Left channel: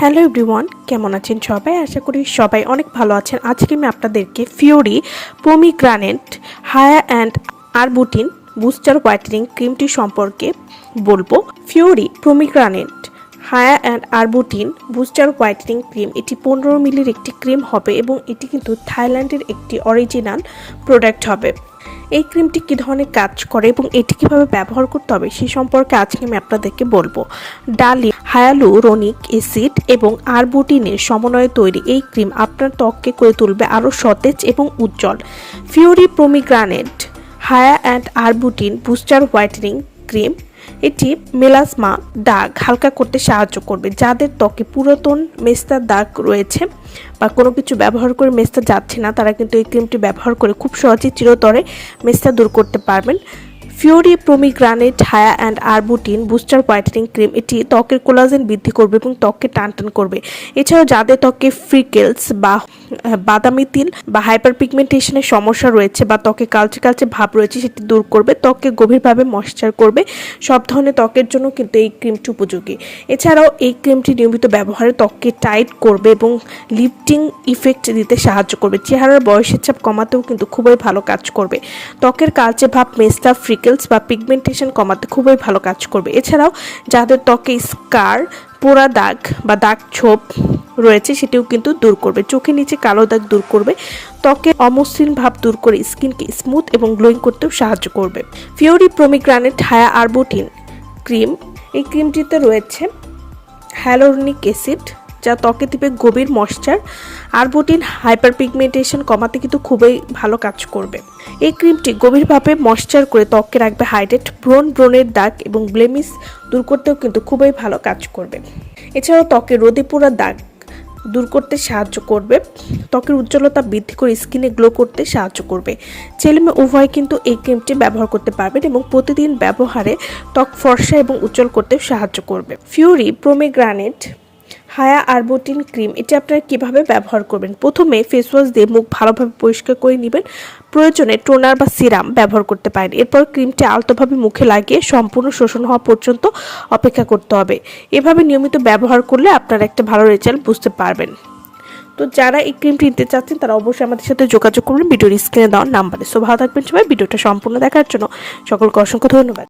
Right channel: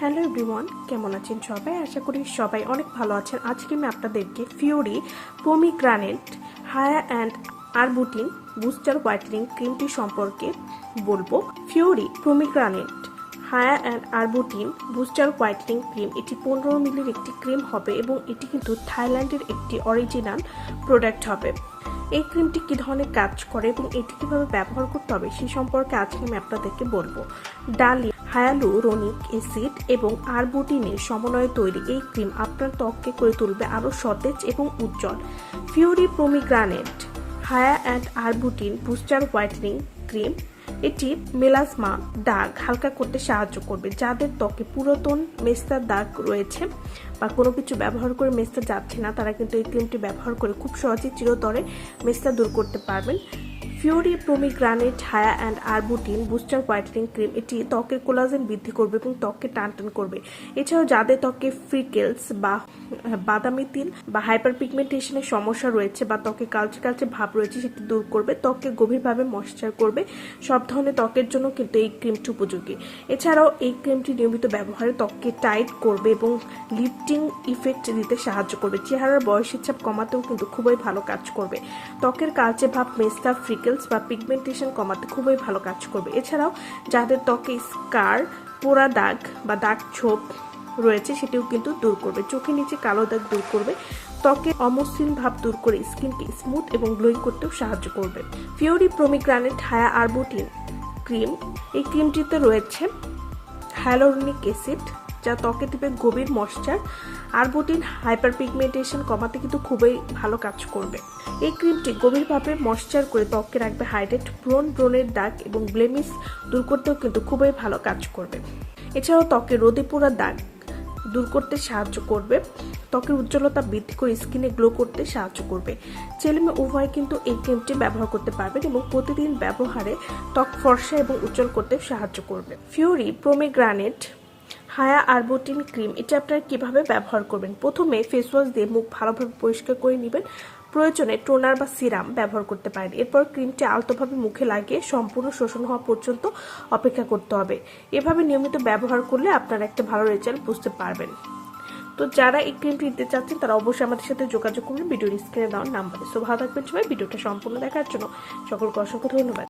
Hello everyone, কেমন আছেন সবাই? আশা করি সবাই অনেক ভালো আছেন। আজকে আমি আপনাদেরকে Fiori pomegranate Hya and arbutin booster whitening ক্রিমটি সম্পর্কে বলব। Fiori pomegranate Hya and arbutin booster whitening cream এটি পনেরো মিলির একটি ক্রিম হবে এবং এটি কিন্তু থাইল্যান্ডের একটি অরিজিনাল প্রোডাক্ট হবে। এই ক্রিমটি কী ধরনের কাজ করে এবং এটি কীভাবে ব্যবহার করতে হবে সে সম্পর্কে আজকে আমি আপনাদেরকে বলব। ডালি হায়ালুরোনিক অ্যাসিড এবং আরবুটিনের সমন্বয়ে তৈরি এই ক্রিম আপনার ত্বককে করে তুলবে আরও সতেজ এবং উজ্জ্বল। Fiori pomegranate Hya and arbutin booster whitening cream, এটি মেলাসমা দাগ হালকা করতে সাহায্য করবে, যাদের ত্বকে পুরাতন মেস্তার দাগ রয়েছে বা কোনো কিছু ব্যবহার করে মেস্তা যাচ্ছে না, তারা কিন্তু এই ক্রিমটি ব্যবহার করে খুব সহজেই চিরতরে মেস্তা দূর করতে পারবেন। Fiori pomegranate Hya and arbutin, booster whitening cream, এটি ত্বকের কোলাজেন বৃদ্ধি করবে এবং ত্বককে টান টান করবে। এছাড়াও যাদের ত্বকে ফ্রিকেলস বা বাদামি তিল বা হাইপার পিগমেন্টেশনের সমস্যা রয়েছে বা ত্বকে কালচে কালচে ভাব রয়েছে, সেটি দূর করবে, ত্বককে গভীরভাবে ময়শ্চার করবে। সব ধরনের ত্বকের জন্য কিন্তু এই ক্রিমটি উপযোগী। এছাড়াও এই ক্রিমটি নিয়মিত ব্যবহারে ত্বককে টাইট করবে এবং লিফটিং ইফেক্ট দিতে সাহায্য করবে। চেহারার বয়সের চাপ কমাতেও কিন্তু খুবই ভালো কাজ করবে। ত্বকের কালচে ভাব মেস্তা ফ্রিকেলস বা পিগমেন্টেশন কমাতে খুবই ভালো কাজ করবে। এছাড়াও যাদের ত্বকে স্কার পোড়া দাগ বা দাগ ছোপ রয়েছে, সেটিও কিন্তু দূর করবে। চোখের নিচে কালো দাগ দূর করবে। ত্বকের অমসৃণ ভাব দূর করে স্কিনকে স্মুথ এবং গ্লোয়িং করতেও সাহায্য করবে। ফিওরি প্রোমিগ্রানেট হায়া আরবুটিন ক্রিম এই ক্রিমটিতে রয়েছে হ্যালোরনিক অ্যাসিড যা ত্বকে দিবে গভীর ময়শ্চার আরবুটিন হাইপার পিগমেন্টেশন কমাতে কিন্তু খুবই ভালো কাজ করবে। এই ক্রিমটি গভীরভাবে ময়শ্চার করে ত্বককে রাখবে হাইড্রেট ব্রোন ব্রোনের দাগ এবং ব্লেমিস দূর করতেও কিন্তু খুবই ভালো কাজ করবে। এছাড়াও ত্বকে রোদে পোড়া দাগ দূর করতে সাহায্য করবে। ত্বকের উজ্জ্বলতা বৃদ্ধি করে স্কিনে গ্লো করতে সাহায্য করবে। ছেলে মেয়ে উভয় কিন্তু এই ক্রিমটি ব্যবহার করতে পারবেন এবং প্রতিদিন ব্যবহারে ত্বক ফর্সা এবং উজ্জ্বল করতে সাহায্য করবে। ফিউরি প্রোমেগ্রানেট হায়া আরবোটিন ক্রিম, এটি আপনারা কীভাবে ব্যবহার করবেন? প্রথমে ফেস ওয়াশ দিয়ে মুখ ভালোভাবে পরিষ্কার করে নেবেন। প্রয়োজনে টোনার বা সিরাম ব্যবহার করতে পারেন। এরপর ক্রিমটি আলতোভাবে মুখে লাগিয়ে সম্পূর্ণ শোষণ হওয়া পর্যন্ত অপেক্ষা করতে হবে। এভাবে নিয়মিত ব্যবহার করলে আপনারা একটা ভালো রেজাল্ট বুঝতে পারবেন। তো যারা এই ক্রিমটি নিতে চাচ্ছেন, তারা অবশ্যই আমাদের সাথে যোগাযোগ করবেন ভিডিওর স্ক্রিনে দেওয়ার নাম্বারে সো ভালো থাকবেন সবাই। ভিডিওটা সম্পূর্ণ দেখার জন্য সকলকে অসংখ্য ধন্যবাদ।